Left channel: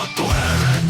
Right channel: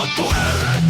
valvottu helvetti.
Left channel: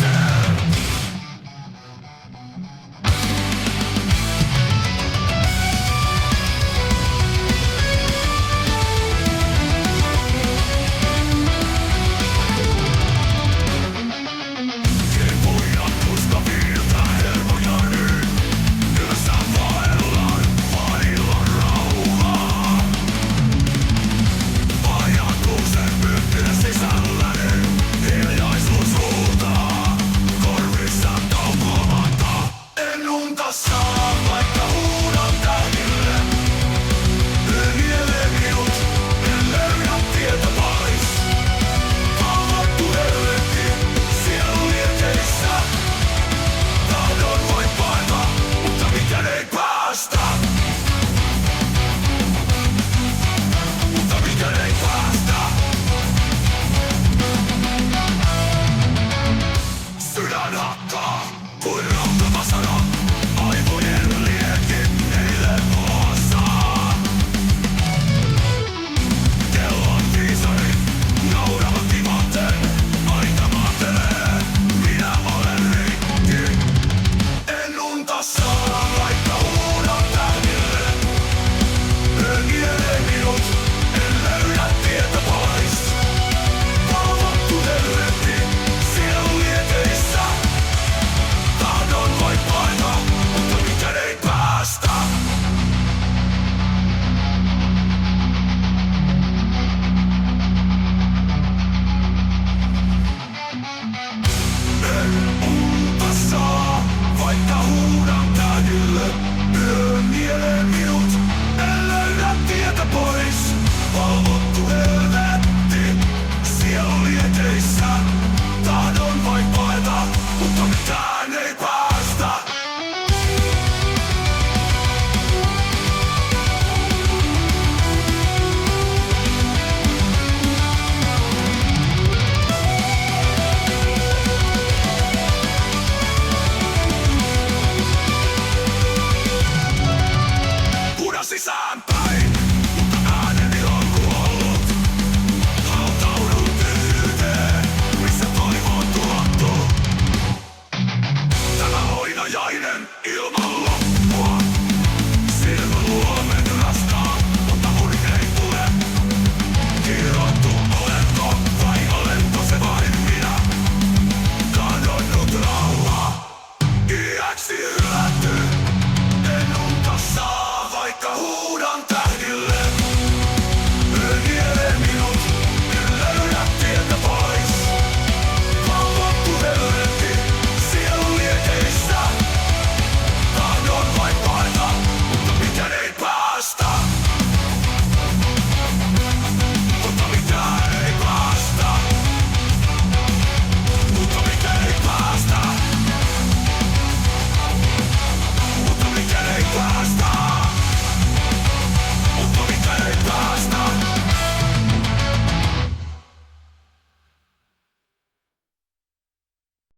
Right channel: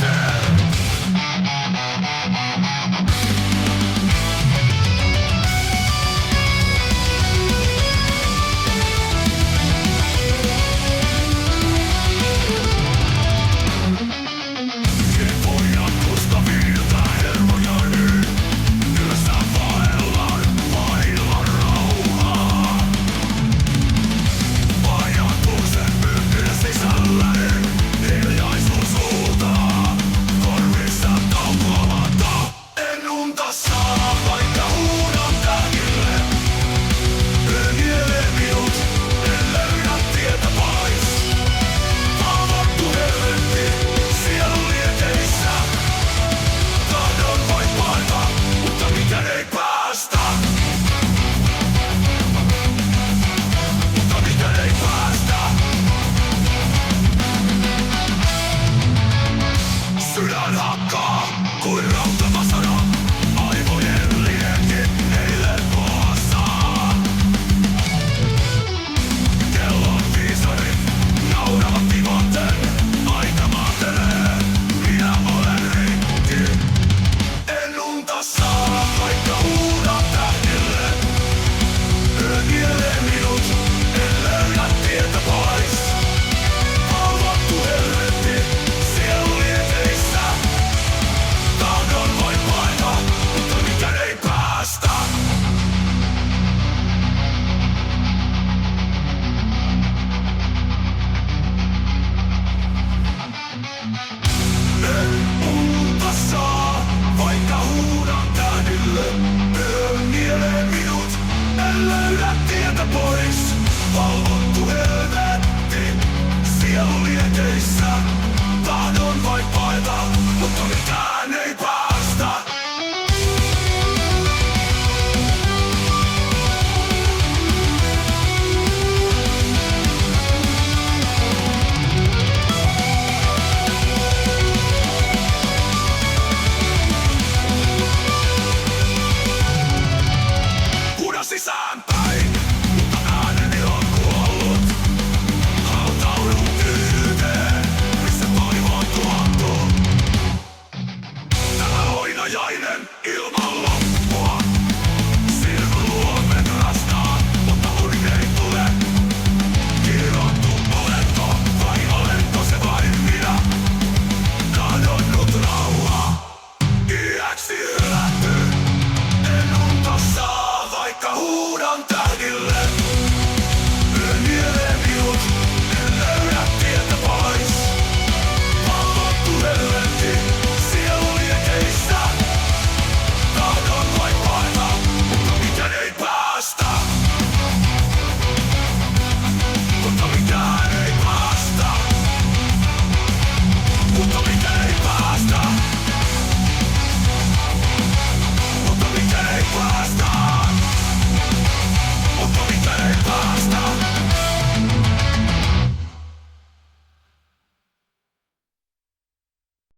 Sydän hakkaa kuin rautavasara, aivojen liekit eilen poassa. Kellon viisarit nauravat tivaten, aika maantelee, minä olen rikki. En unta saa, vaikka huudan tähdille. Yö nielee minut, en löydä tietä pois. Valvottu helvetti, sielu lieteissä. Tahdon vain paeta, mutta mikään ei päästä. En unta saa, vaikka huudan tähdille. Yö nielee minut, en löydä tietä pois. Valvottu helvetti, sielu lieteissä. Tahdon vain paeta, mutta mitään